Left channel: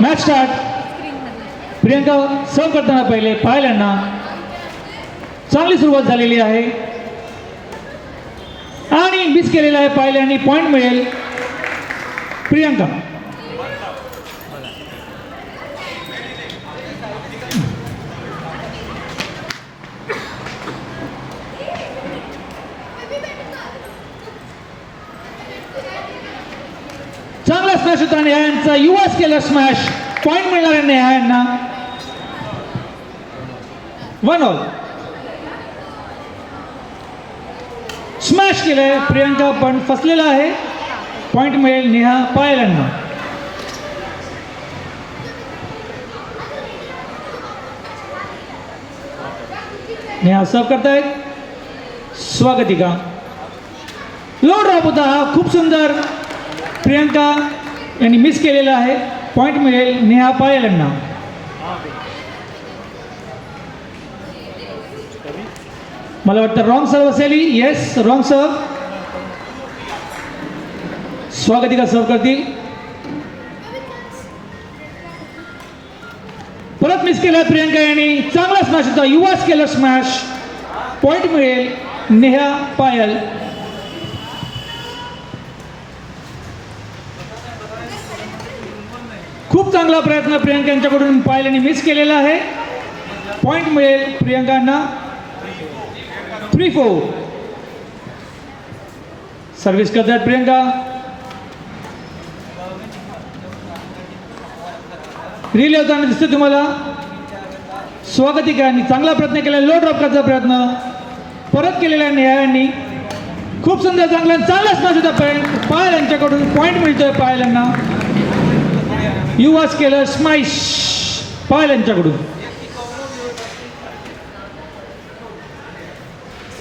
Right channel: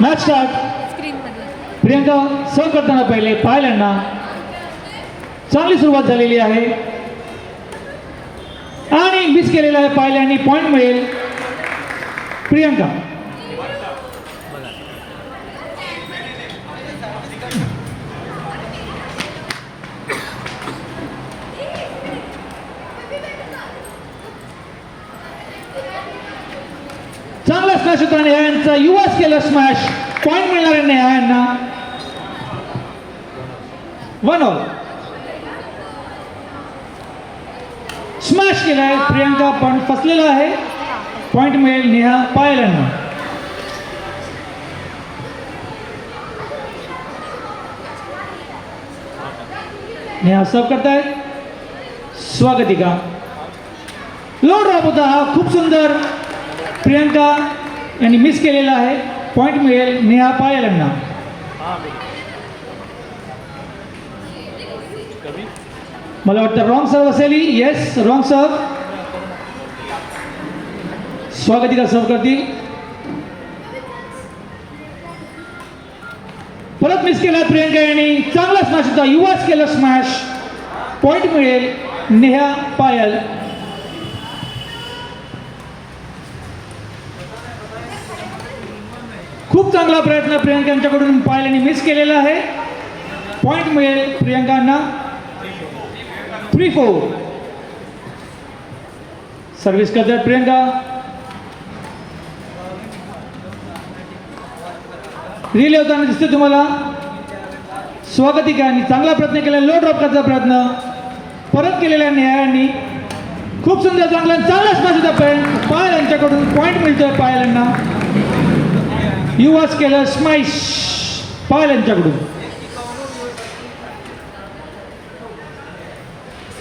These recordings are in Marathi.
Match start. प्रियंका सर्व करताना पहिले पायल यांना चांगली सुरुवात झालेली आहे आणि मिस केलेला आहे पायल यांनी. पॉइंट मिळेल प्रियंका. चांगला स्मॅश होता नेहा यांचा. युवा केला स्मॅश. पॉइंट मिळणार आहे नेहा यांना. 1 ऑल. स्मॅश केलाय प्रियंका पण फसलेला आहे. पॉइंट मिळेल नेहा पायल यांना. नेहा सर्व करतायत. स्वागतिका. लो ड्रॉप होता हा. खूप सुंदर प्रियंका यांनी मिस केलेला आहे. पॉइंट मिळेल नेहा पायल यांना. मला वाटतं रॉंग सर्व असेल. येस रॉंग सर्व. स्वागतिका सर्व करतील. परत मिस केला प्रियंका यांनी. चांगला स्मॅश होता. युवाच केला स्मॅश. पॉइंट मिळेल नेहा पायल. खूप चांगला प्रयत्न प्रियंका यांच्याकडून पायल यांनी मिस केलेला आहे. पॉइंट मिळेल प्रियंकांना. 3-4. सर्व्हिस करतात प्रियंका. रिले होताना दिसते तुम्हाला. स्वागतिका यांनी चांगला प्रयत्न केला. लो ड्रॉप करायचा प्रयत्न परत केलेला नेहा यांनी. खूप सुंदर चांगला स्मॅश होता पायल यांच्याकडून. पॉइंट मिळतोय पायल यांना. युवाच केलं स्मॅश पायल यांच्याकडून.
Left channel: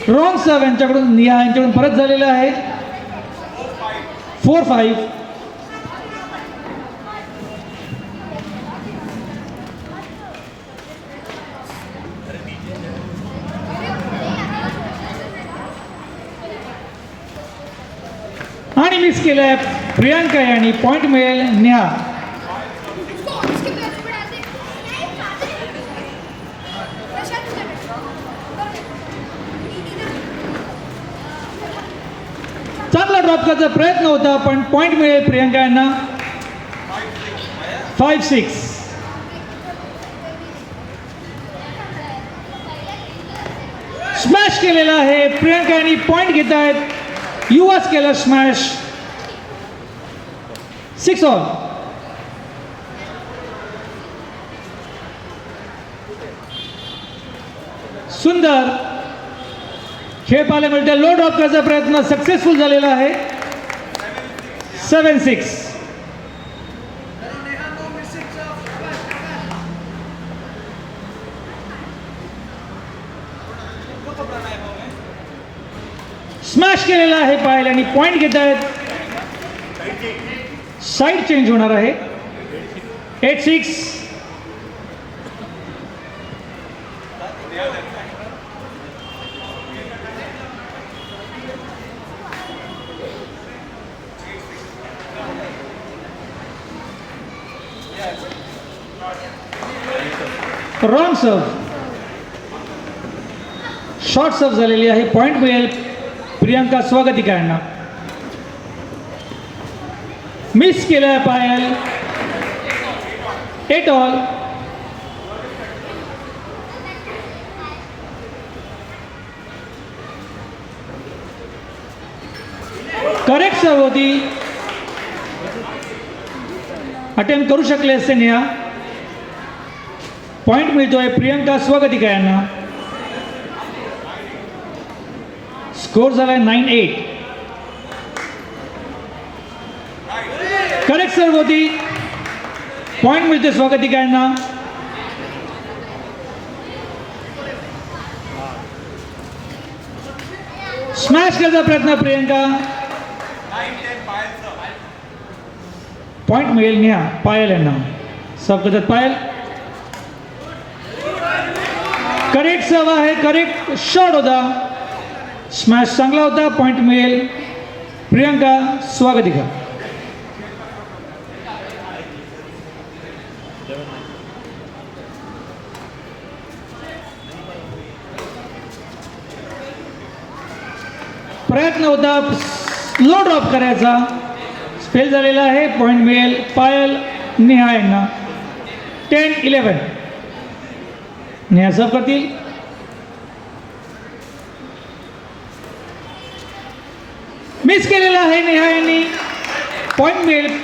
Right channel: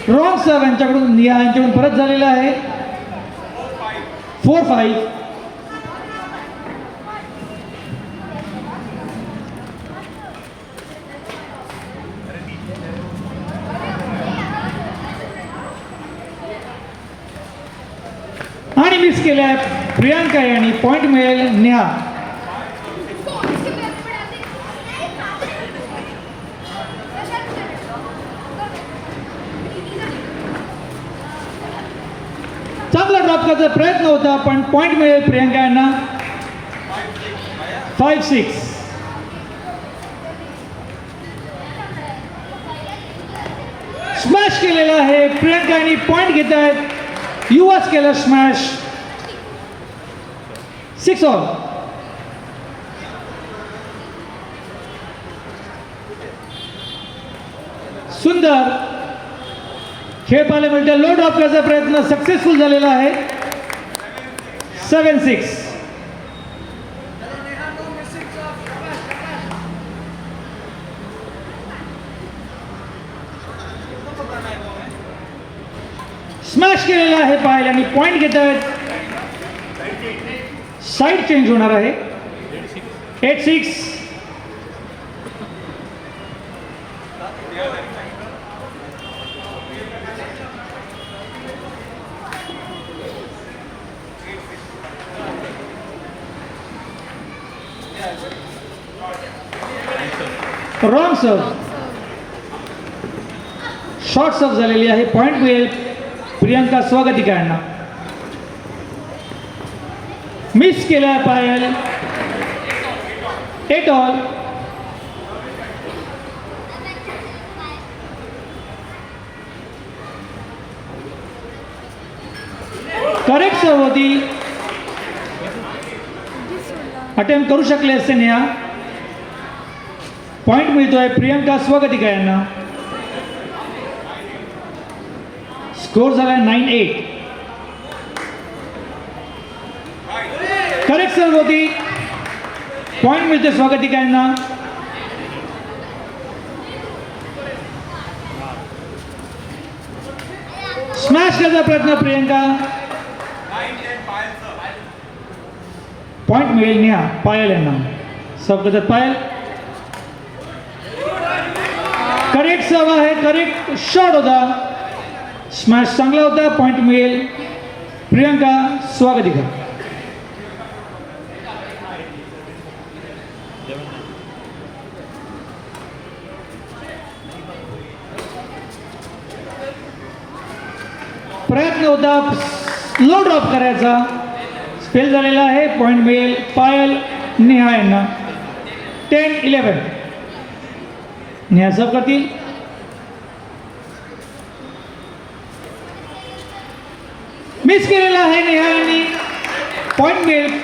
रॉंग सर्व यांच्याकडून. नेहा यांच्याकडून परत झालेला आहे. 4-5. आणि मिस केलाय प्रियंका यांनी. पॉइंट मिळेल नेहा. चांगला ड्रॉप करायचा प्रयत्न होता पण पॉइंट मिळेल प्रियंका यांना. 5-6. स्मॅश केलेला आहे प्रियंका यांनी. पॉइंट घेत आहेत. युवाच केलं स्मॅश. 6 ऑल. सुंदर खेळ पाहायला मिळते. लो ड्रॉप करायचा प्रयत्न सक्सेसफुल झालेला आहे. 7-6. स्मॅश केलेला आहे पायल आणि पॉइंट घेत आहेत. साइड चेंज होणार आहे. 8-6. रॉंग सर्व. शॉर्ट सर्व झालेली आहे. पॉइंट मिळेल प्रियंका स्वागतिका यांना. मिस केलाय पायल. 8 ऑल. करेक्ट सर्व होती. अटेम्प्ट करू शकले असते नेहा. पॉइंट मिळतोय प्रियंका स्वागतिका यांना. स्कोर झालाय 9-8. करेक्ट सर्व होती. पॉइंट मिळतोय स्वागतिका यांना. स्मॅश करायचा प्रयत्न प्रियंका. पॉइंट मिळेल नेहा पायल यांना. सर्व करतात पायल. करेक्ट सर्व आहे. करेक्ट शॉट होता. स्मॅश चांगला होता. पॉइंट मिळेल प्रियंका स्वागतिका. प्रयत्न होता लो ड्रॉप करायचा, स्पेल झालेला आहे. पॉईंट मिळेल पायल नेहा यांना. 10-11. नेहा सर्व करतील. मिस केलेला आहे नेहा यांनी. पॉईंट मिळेल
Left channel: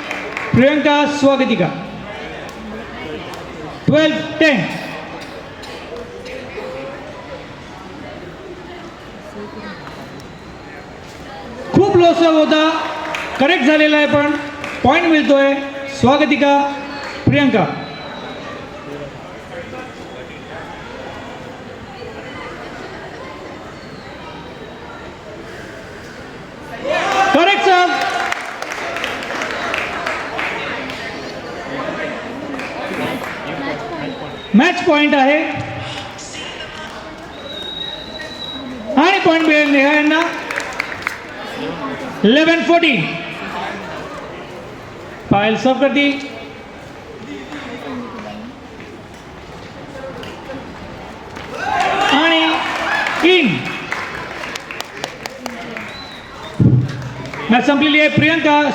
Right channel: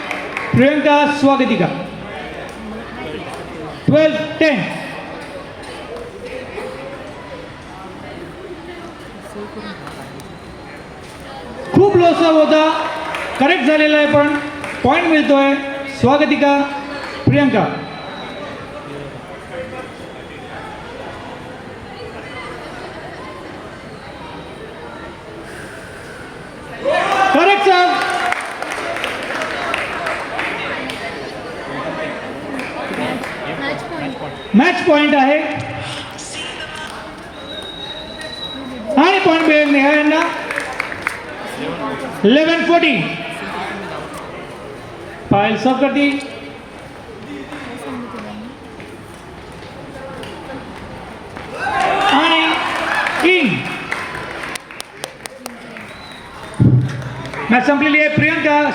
प्रियंका स्वागतिका. 12-10. खूप लो सर्व होता, करेक्ट झालेला आहे, पण पॉईंट मिळतोय स्वागतिका Priyanka. Correct sir. Match point आहे आणि पॉइंट मिळेल नेहा यांना. 11-14. पायल सर्व करती. आणि इन. मॅच संपलेली आहे. प्रियंका